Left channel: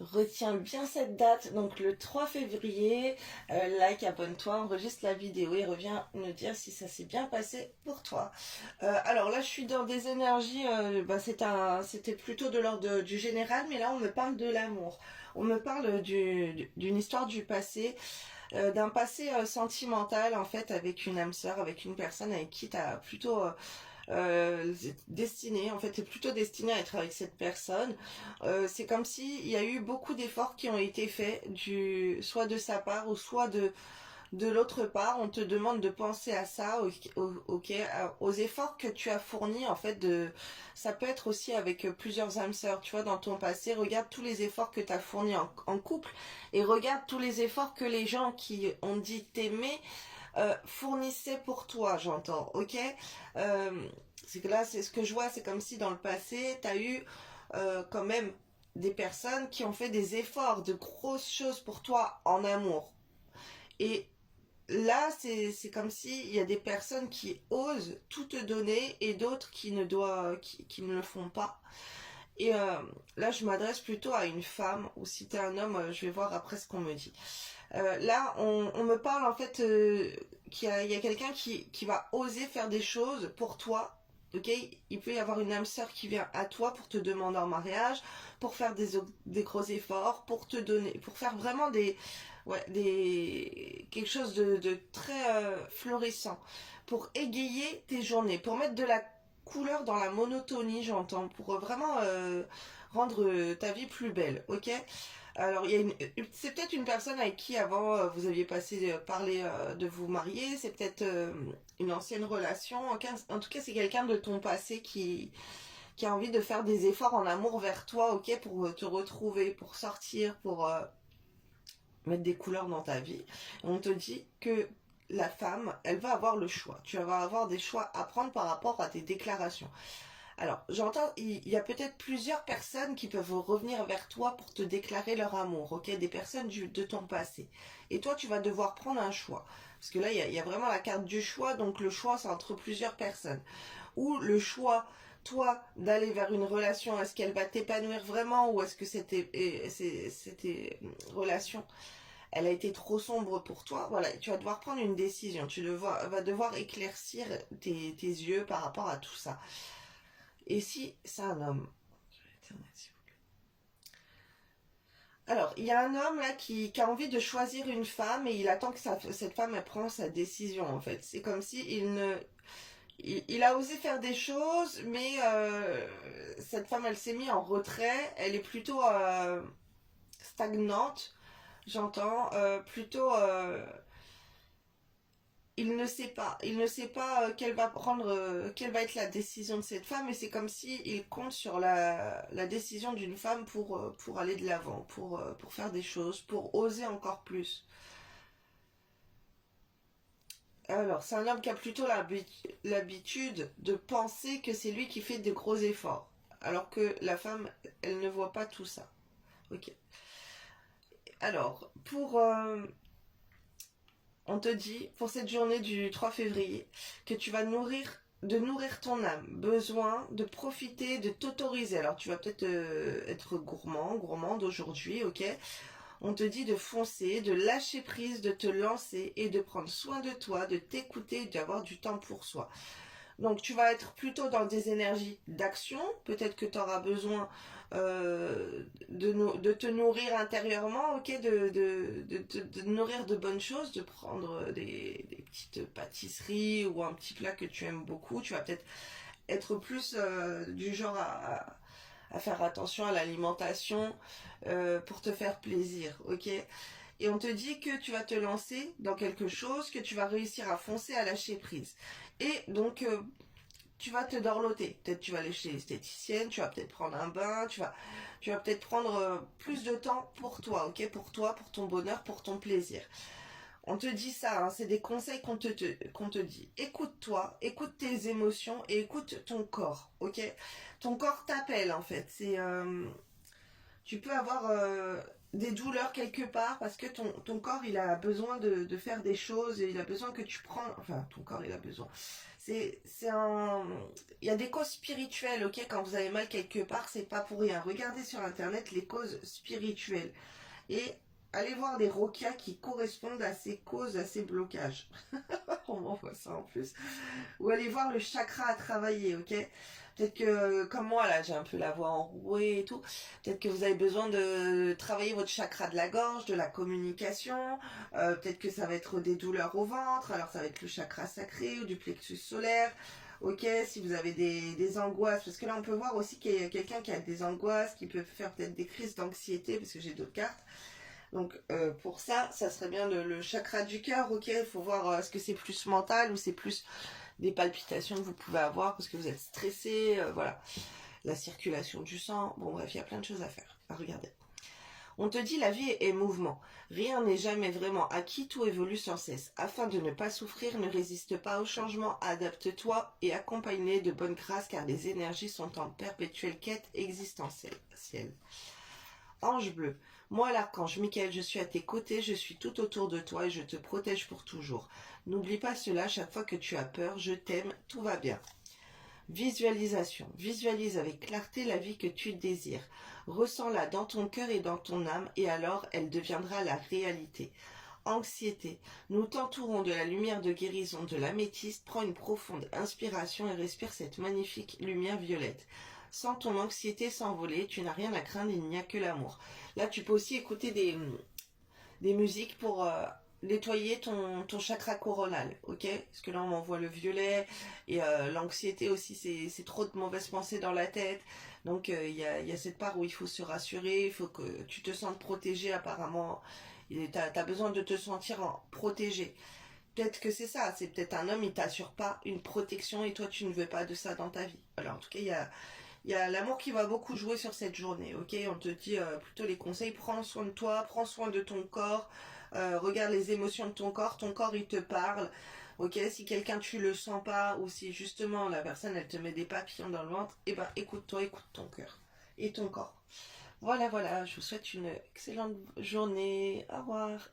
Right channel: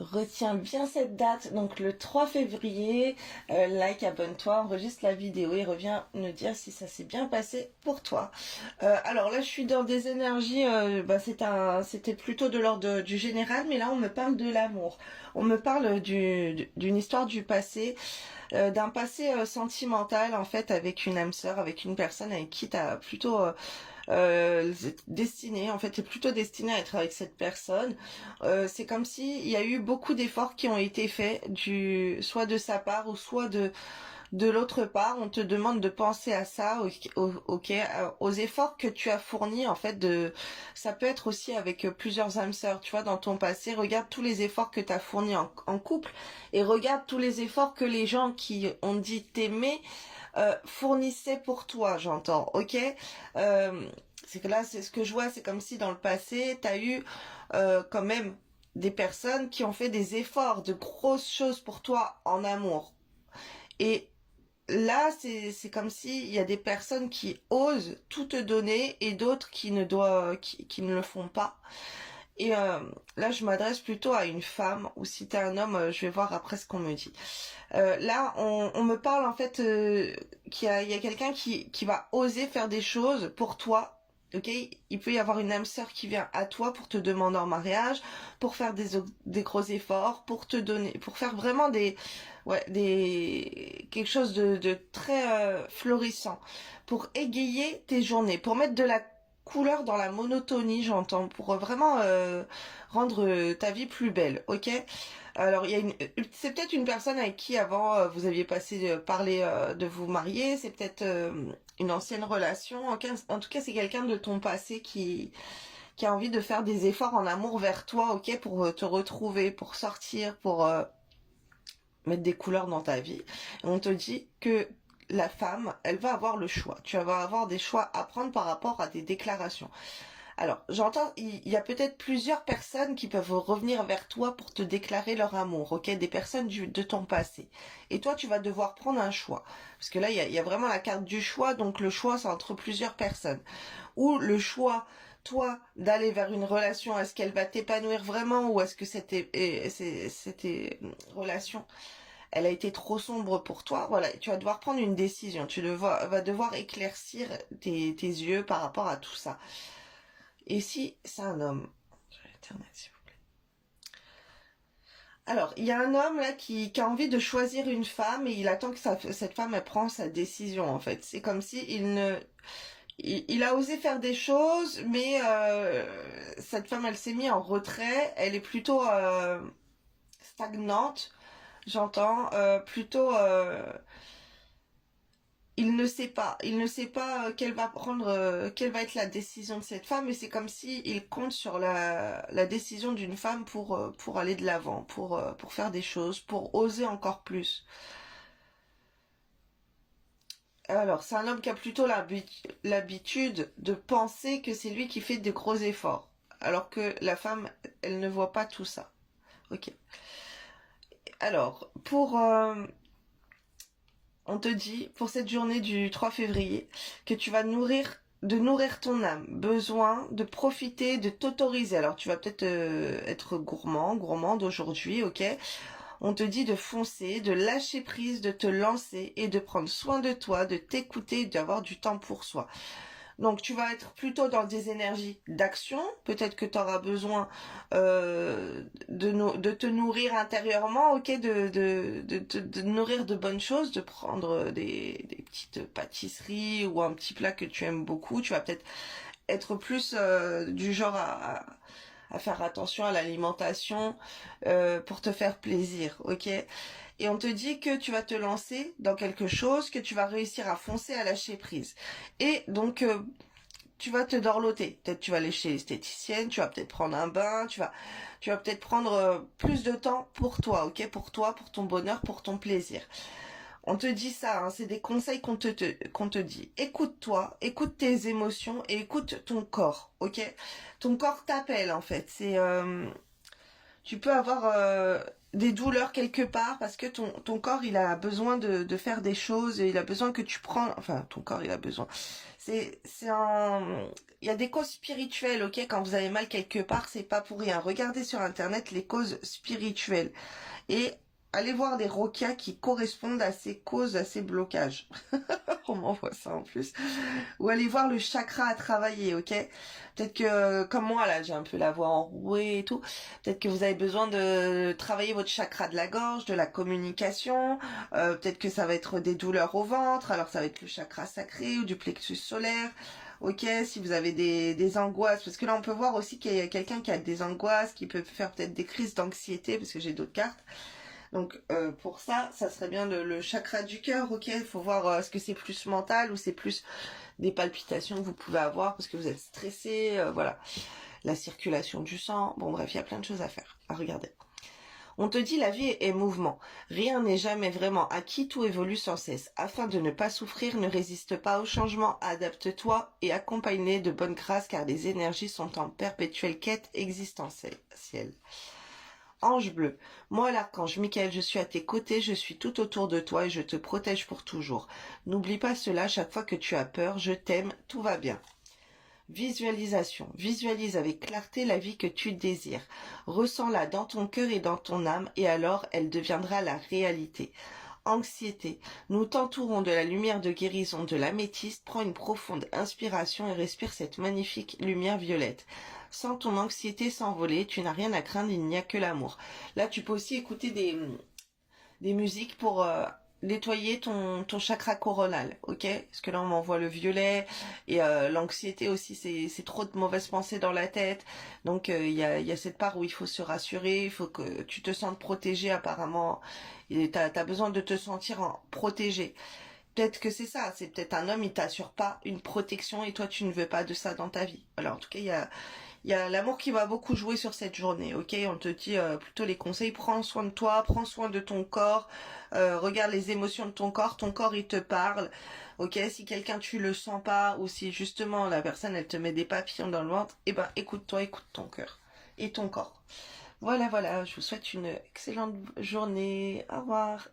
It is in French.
Retiens bien cette date, donc le 3 février, like, abonne-toi, enregistre la vidéo et reviens me dire si ça s'est bien passé pour toi. Alors là, je suis dans des énergies, c'était plutôt de l'ordre du général, mais là, on me parle de l'amour. On me parle d'une histoire du passé, d'un passé sentimental, en fait, avec une âme sœur, avec une personne avec qui tu as plutôt destiné, en fait, t'es plutôt destiné à être avec cette personne. C'est comme si il y a eu beaucoup d'efforts qui ont été faits, soit de sa part ou soit de l'autre part. On te demande de penser à ça, ok, aux efforts que tu as fournis, en fait. Ça peut être aussi avec plusieurs âmes sœurs, tu vois, dans ton passé. Regarde tous les efforts que tu as fournis en couple et regarde tous les efforts que les gens qui ont dit t'aimer fournissait pour toi, j'entends, ok. euh, c'est que là, c'est ce que je vois, c'est comme si dans le passé, t'as eu quand même des personnes qui ont fait des efforts, de grosses choses pour toi en amour. Et là, c'est comme si il y a des personnes qui osent tout te donner et d'autres qui ne le font pas. Et là, je m'adresse plutôt à une femme, ou si t'es un homme, je vais voir après ce qu'on me dit. Là, on me parle en fait il y a quelqu'un qui va oser faire des choses pour toi. Ok, il peut y avoir une âme sœur qui vient à toi pour te demander en mariage, pour faire des gros efforts, pour te donner, pour faire vraiment quelque chose de très florissant, pour égayer tes journées, pour mettre de la couleur dans la monotonie, j'entends, pour vraiment rendre ta vie plus belle, ok? Alors, c'est peut-être une personne avec qui avant vous aviez parlé de vous marier, c'est peut-être une ancienne relation. En tout cas, c'est quelqu'un de ton passé qui a envie de faire des efforts en amour vers toi, ok, pour te retrouver, pour sortir, pour mettre des couleurs dans ta vie. Et on te dit que la femme, elle va avoir le choix. Tu vas avoir des choix à prendre par rapport à tes déclarations. Alors, j'entends, il y a peut-être plusieurs personnes qui peuvent revenir vers toi pour te déclarer leur amour, ok? Des personnes de ton passé. Et toi, tu vas devoir prendre un choix. Parce que là, il y a vraiment la carte du choix, donc le choix, c'est entre plusieurs personnes. Ou le choix, toi, d'aller vers une relation, est-ce qu'elle va t'épanouir vraiment, ou est-ce que cette relation, elle a été trop sombre pour toi? Voilà, tu vas devoir prendre une décision. Vas devoir éclaircir tes yeux par rapport à tout ça. Et si c'est un homme? Internet, s'il vous plaît. Alors, il y a un homme là qui a envie de choisir une femme et il attend que cette femme elle prend sa décision en fait. C'est comme si il a osé faire des choses, mais cette femme elle s'est mise en retrait. Elle est plutôt stagnante, j'entends, plutôt il ne sait pas quelle va être la décision de cette femme, et c'est comme si il compte sur la décision d'une femme pour aller de l'avant, pour faire des choses, pour oser encore plus. Alors, c'est un homme qui a plutôt l'habitude de penser que c'est lui qui fait de gros efforts, alors que la femme, elle ne voit pas tout ça. Ok. Alors, on te dit, pour cette journée du 3 février, que tu vas nourrir ton âme, besoin de profiter, de t'autoriser. Alors tu vas peut-être être gourmande aujourd'hui, ok? On te dit de foncer, de lâcher prise, de te lancer et de prendre soin de toi, de t'écouter, d'avoir du temps pour soi. Donc tu vas être plutôt dans des énergies d'action. Peut-être que tu auras besoin de te nourrir intérieurement, ok, de nourrir de bonnes choses, de prendre des petites pâtisseries ou un petit plat que tu aimes beaucoup. Tu vas peut-être être plus du genre à faire attention à l'alimentation pour te faire plaisir, ok? Et on te dit que tu vas te lancer dans quelque chose, que tu vas réussir à foncer, à lâcher prise. Et donc, tu vas te dorloter. Peut-être tu vas aller chez l'esthéticienne, tu vas peut-être prendre un bain, tu vas peut-être prendre plus de temps pour toi, ok? Pour toi, pour ton bonheur, pour ton plaisir. On te dit ça, hein, c'est des conseils qu'on te dit. Écoute-toi, écoute tes émotions et écoute ton corps, ok? Ton corps t'appelle en fait. tu peux avoir des douleurs quelque part parce que ton corps il a besoin de faire des choses et il a besoin que tu prends, enfin ton corps il a besoin. C'est un, il y a des causes spirituelles, ok? Quand vous avez mal quelque part, c'est pas pour rien. Regardez sur internet les causes spirituelles et allez voir des roquias qui correspondent à ces causes, à ces blocages. On m'envoie ça en plus. Ou allez voir le chakra à travailler, ok? Peut-être que, comme moi, là, j'ai un peu la voix enrouée et tout. Peut-être que vous avez besoin de travailler votre chakra de la gorge, de la communication. Peut-être que ça va être des douleurs au ventre. Alors, ça va être le chakra sacré ou du plexus solaire. Ok, si vous avez des angoisses, parce que là on peut voir aussi qu'il y a quelqu'un qui a des angoisses, qui peut faire peut-être des crises d'anxiété, parce que j'ai d'autres cartes. Donc pour ça, ça serait bien le chakra du cœur, ok? Il faut voir est-ce que c'est plus mental ou c'est plus des palpitations que vous pouvez avoir parce que vous êtes stressé, voilà. La circulation du sang, bon bref, il y a plein de choses à faire, à regarder. On te dit la vie est mouvement. Rien n'est jamais vraiment acquis, tout évolue sans cesse. Afin de ne pas souffrir, ne résiste pas au changement, adapte-toi et accompagne-les de bonne grâce car les énergies sont en perpétuelle quête existentielle. Ange bleu, moi l'archange Michael, je suis à tes côtés, je suis tout autour de toi et je te protège pour toujours. N'oublie pas cela chaque fois que tu as peur, je t'aime, tout va bien. Visualisation. Visualise avec clarté la vie que tu désires. Ressens-la dans ton cœur et dans ton âme et alors elle deviendra la réalité. Anxiété. Nous t'entourons de la lumière de guérison de l'améthyste. Prends une profonde inspiration et respire cette magnifique lumière violette. Sens ton anxiété s'envoler, tu n'as rien à craindre, il n'y a que l'amour. Là, tu peux aussi écouter des musiques pour nettoyer ton chakra coronal, ok? Parce que là, on m'envoie le violet et l'anxiété aussi, c'est trop de mauvaises pensées dans la tête. Donc, y a cette part où il faut se rassurer, il faut que tu te sentes protégé apparemment. Et t'as besoin de te sentir protégé. Peut-être que c'est ça, c'est peut-être un homme, il t'assure pas une protection et toi, tu ne veux pas de ça dans ta vie. Alors, en tout cas, il y a l'amour qui va beaucoup jouer sur cette journée, ok? On te dit plutôt les conseils, prends soin de toi, prends soin de ton corps, regarde les émotions de ton corps il te parle, ok? Si quelqu'un tu le sens pas, ou si justement la personne elle te met des papillons dans le ventre, eh ben écoute-toi, écoute ton cœur et ton corps. Voilà, voilà, je vous souhaite une excellente journée, au revoir.